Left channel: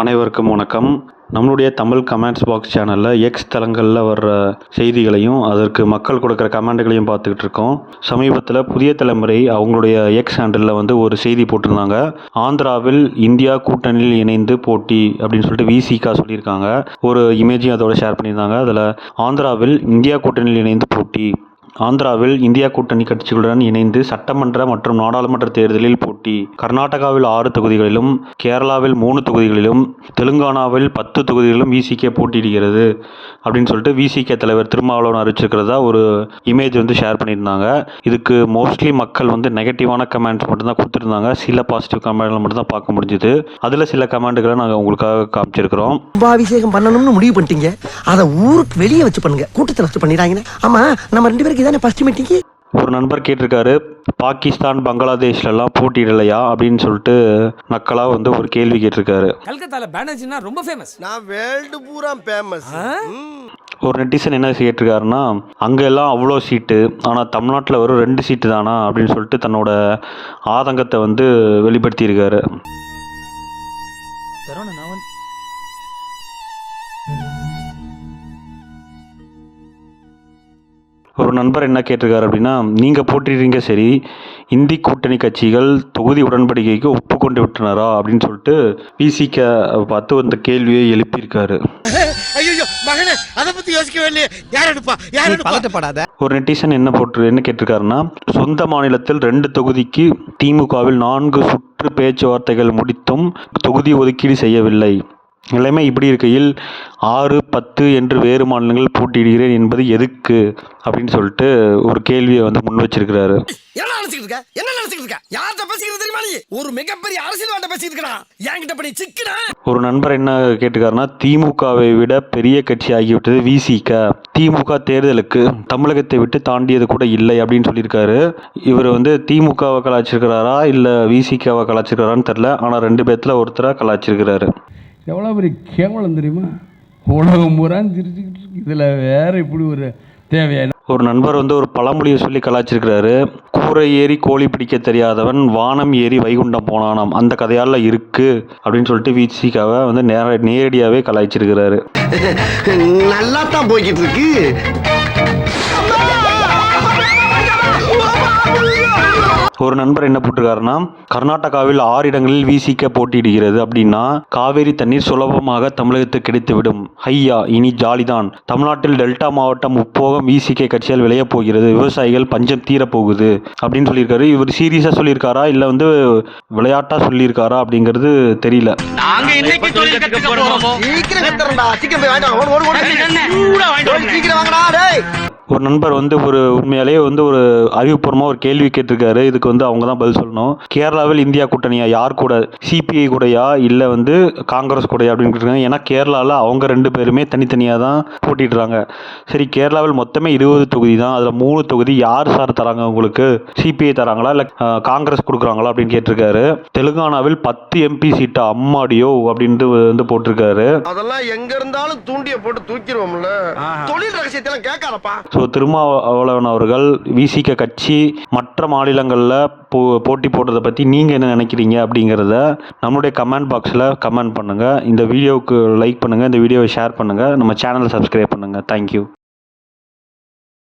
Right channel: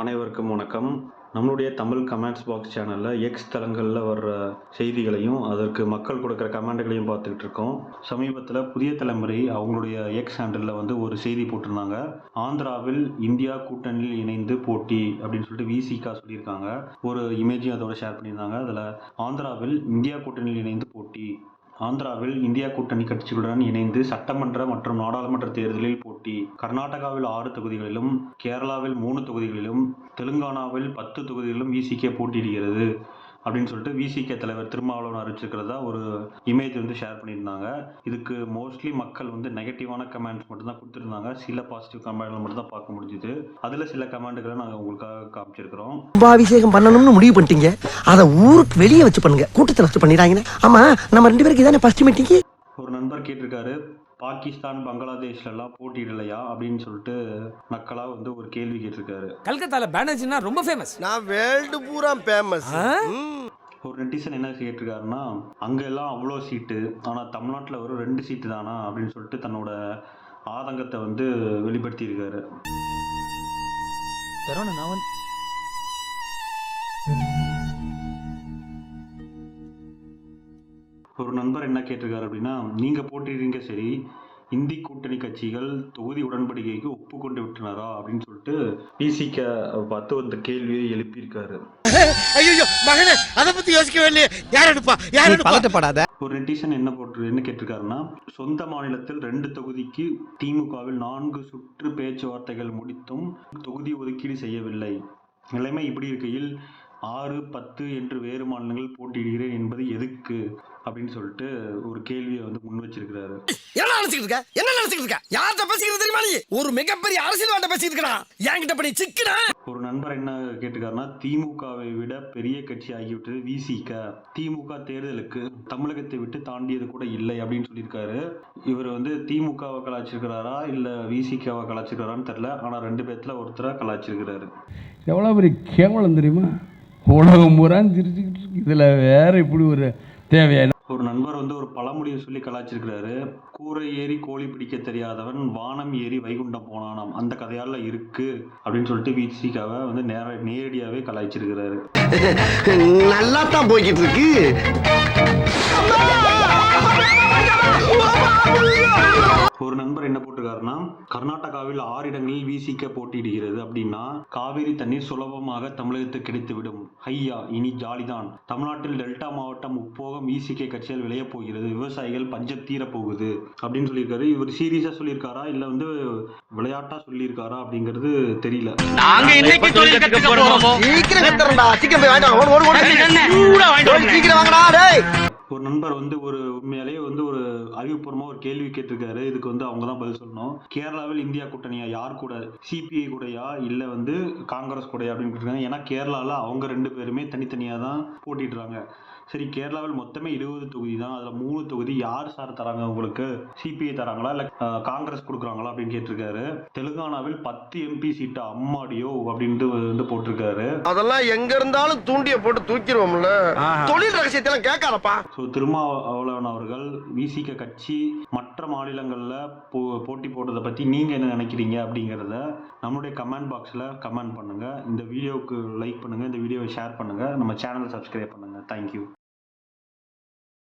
அனைவருக்கும் வணக்கம். நம்மளுடைய தமிழ் கமெண்ட்ஸ் பாக்ஸ் சேனலில் எக்ஸ் தளங்களில் வர்ற செய்திகளையும் அதற்கு மக்கள் கொடுக்குற கமெண்ட்டுகளையும் பார்த்துக்கிட்டு இருக்கோம். சமீபத்தில் புதிய தலைமுறை அவங்களுடைய எக்ஸ் ஹேண்டலில் வந்து ஒரு செய்தி போட்டிருந்தாங்க. ஆந்திராவில் இந்தியா கூட்டணியில் இணைந்து போட்டி அப்படின்னு சொல்லிட்டு விசிகா சொல்லியிருக்காங்க. ஒரு இமேஜையும் அதோட ஷேர் பண்ணியிருந்தாங்க. அதில் ஆந்திராவில் இந்தியா கூட்டணியில் இணைந்து போட்டி, ஆந்திராவில் இந்தியா கூட்டணி கட்சிகளுடன் இணைந்து சட்டமன்ற மற்றும் நாடாளுமன்ற தேர்தலில் போட்டி, கர்நாடகாவில் 6 தொகுதிகளிலும், கேரளாவில் 3 தொகுதிகளிலும், தெலுங்கானாவில் 10 தொகுதிகளிலும் விசிகே போட்டியிடுகிறது அப்படின்னு சொல்லிட்டு விசிகே தலைவர் திருமாவளவன் அறிவிச்சிருக்கிறதா ஒரு இமேஜ் வந்து ஷேர் பண்ணியிருந்தாங்க. இதுக்கு மோஸ்ட்லி மக்கள் வந்து நெகட்டிவான கமெண்ட்ஸ் மட்டும்தான் கொடுத்துருந்தாங்க. சில பாசிட்டிவ் கமெண்ட்களை மட்டும்தான் பார்க்க முடிஞ்சுது. அதில் சில கமெண்ட்டுகளை நாங்கள் உங்களுக்காக காமிச்சிருக்கிறோம். கும்பாபிஷேகம் பண்ணணும்னு முடிவு பண்ணிட்டீங்க, அதை ஊருக்கு வெளியே வச்சு பண்ணுங்க, கூட்டத்தில் வச்சு பண்ணிடுறாங்க. ஆமா, நம்ம 2 பேருக்கு இதானே ஃபர்ஸ்ட் மீட்டிங். ஒரு நண்பர் கேட்டிருக்காரு, பாகிஸ்தான் பங்களாதேஷ்லலாம் போட்டியிடலையா அப்படின்னு சொல்லிட்டு நக்கலாக வந்து ஒரு கேள்வி கேட்டிருக்காரு. கல்கத்தால பேனர்ஜினா ரொம்ப ஃபேமஸ், நான் வேர்ல்டு பூரா ஃபேமஸ். ஒரு நெட்டிசன் என்ன கேட்டிருக்காருன்னா, அங்கெல்லாம் அவ்வளோ சீட்டு, ஆனால் தமிழ்நாட்டில் வெறும் 2 சீட்டு தானா அப்படின்னு சொல்லிட்டு தன்னோட ஆதங்கத்தை வந்து வெளிப்படுத்தியிருக்காரு. ஒரு நண்பர் என்ன கேட்டிருக்காரு அப்படின்னா, நீங்கள் போட்டிடுறீங்க சரி, இந்தி கூட்டணி கட்சிகள் தொகுதி உடன்படிக்கைக்கு ஒப்புக்கொண்டு விட்டனரா அப்படின்னு சொல்லிட்டு விசிகே பார்த்து அந்த கேள்வியை எழுப்பியிருக்காரு. அதை பத்தி யோசிக்கவே இல்லையே. யார் எடுப்பா, யார் எடுப்பா? ஒரு நெட்டிசன் என்ன கேட்டிருக்காருன்னா, சொந்த மாநிலத்தில் 2 தொகுதிக்கு திமுகவில் 4 சுற்று பேச்சுவார்த்தைகள் முடித்தும் தொகுதி ஒதுக்கீடு செய்யவில்லை. நிலைமை இப்படி இருக்கையில் 6, 10 என்று வேறு மாநிலங்கள் போட்டியிடுகிறேன் என்பது எதுக்கு அப்படின்னு சொல்லிட்டு ஒரு கேள்வியை வந்து முன் வச்சிருக்கிறாரு. என்ன நினைச்சிட்டு இருக்க? யார்கிட்ட பேசிக்கிறது தெரியுமா? நீ ஒரு மிகப்பெரிய அரசியல்வாட்ட பேசிட்டு இருக்கா. என்கிட்ட பண்ணி சிக்கனா. ஒரு நண்பர் என்ன கேட்டுக்காருன்னா, திமுகவை விட பெரிய கட்சி ஆகிவிட்டது விசிகா. திமுக தேர்தலுக்கு தமிழகத்தை விட்டு தாண்டியது கூட இல்லை அப்படின்னு சொல்லியிருக்காரு. இவர் வந்து திமுகவை கலாச்சிருக்கிறாரா இல்லை விசிகாவை கலாச்சிருக்கிறாரான்னு தெரில. ஆனால் 2 பேர்த்துல ஒருத்தராக கலாச்சிருக்கிறாரு. எவ்வளோ பெரிய கேவலம் தெரியுமா? உலகம் பூரான்னு சிரிச்சுக்கிட்டு இருக்கு. இதில் வேற இப்படி ஒரு தேவையான ஒரு நண்பர் வந்து ஒரு பழமொழியை சொல்லி கலாச்சிருக்கிறாரு. கூரை ஏறி கோழி பிடிக்க தெரியாதவன் வானம் ஏறி வைகுண்டம் போனானாம். அந்த கதையால இருக்கு அப்படின்னு சொல்லிட்டு விசிகாவை வந்து நேரடியாகவே கலாய்ச்சிருக்கிறாரு. நல்லா தான் போய்கிட்டு இருக்கு. ஒரு நண்பர் என்ன போட்டிருக்காருன்னா, கர்நாடகாவில் 6 இடங்களில் விசிகே போட்டியிடுகிறது அப்படின்னா காவேரி தண்ணீர் சுலபமாக தமிழகத்துக்கு கிடைத்துவிடும். ஐயா, இனி ஜாலிதான். தமிழ்நாட்டில் டெல்டா மாவட்டம் முப்போகம் விசிகே கட்சியால் விளைய போகிறது. விவசாயிகள் பஞ்சம் தீரப்போகுது அப்படின்னு சொல்லியிருக்காரு. இவர் சீரியஸா சொல்லியிருக்காரா இல்லை வந்து விளையாட்டா சொல்லியிருக்காரா அப்படிங்கிறது தெரியல. ஒரு நண்பர் வந்து ஒரு உண்மையாலேயே வந்து ஒரு அறிவுபூர்வமாக ஒரு கேள்வி கேட்டிருக்காரு. இதுக்கு வந்து அவங்க தான் பதில் சொல்லணும். கேரளாவில் இந்தியா கூட்டணியா, யார் கூட? சிபிஐ கூடயா இல்லை வந்து காங்கிரஸ் கூடயா அப்படின்னு கேட்டிருக்காங்க. ஏன்னா கேரளாவில் அவங்க 2 பேருமே தனித்தனியாக தான் போட்டிடுறாங்க. சரி, கேரளாவில் மொத்தமே 20 தொகுதி தான். அதில் 3 தொகுதி யார் சார் தராங்க உங்களுக்கு? சிபிஐ தராங்களா இல்லை காங்கிரஸ் கொடுக்குறாங்களா அப்படின்னு கேட்டிருக்காரு. தெலுங்கானாவில் 10 MP சீட்டா, அம்மாடியோ அப்படின்ட்டு வந்து போட்டிருக்காரு. அதெல்லாம் எங்க இருந்தாலும் தூண்டிய போட்டு தூக்கிடுவோம்ல. தொழில் ரகசியத்தெல்லாம் கேட்காதப்பா. ஸோ திருமாவளவன் அவர்கள் விசிகே கட்சி மற்ற மாநிலங்களில் போட்டி போடுறதை பற்றி நீங்கள் என்ன நினைக்கிறீங்க அப்படிங்கிறத நம்மளுடைய கமெண்ட் பாக்ஸில் கமெண்ட் பண்ணுங்கள். இந்த வீடியோவுக்கு லைக் பண்ணுங்கள், இந்த வீடியோவை ஷேர் பண்ணுங்கள், நம்ம சேனலை சப்ஸ்கிரைப் பண்ணுங்கள். தேங்க்யூ.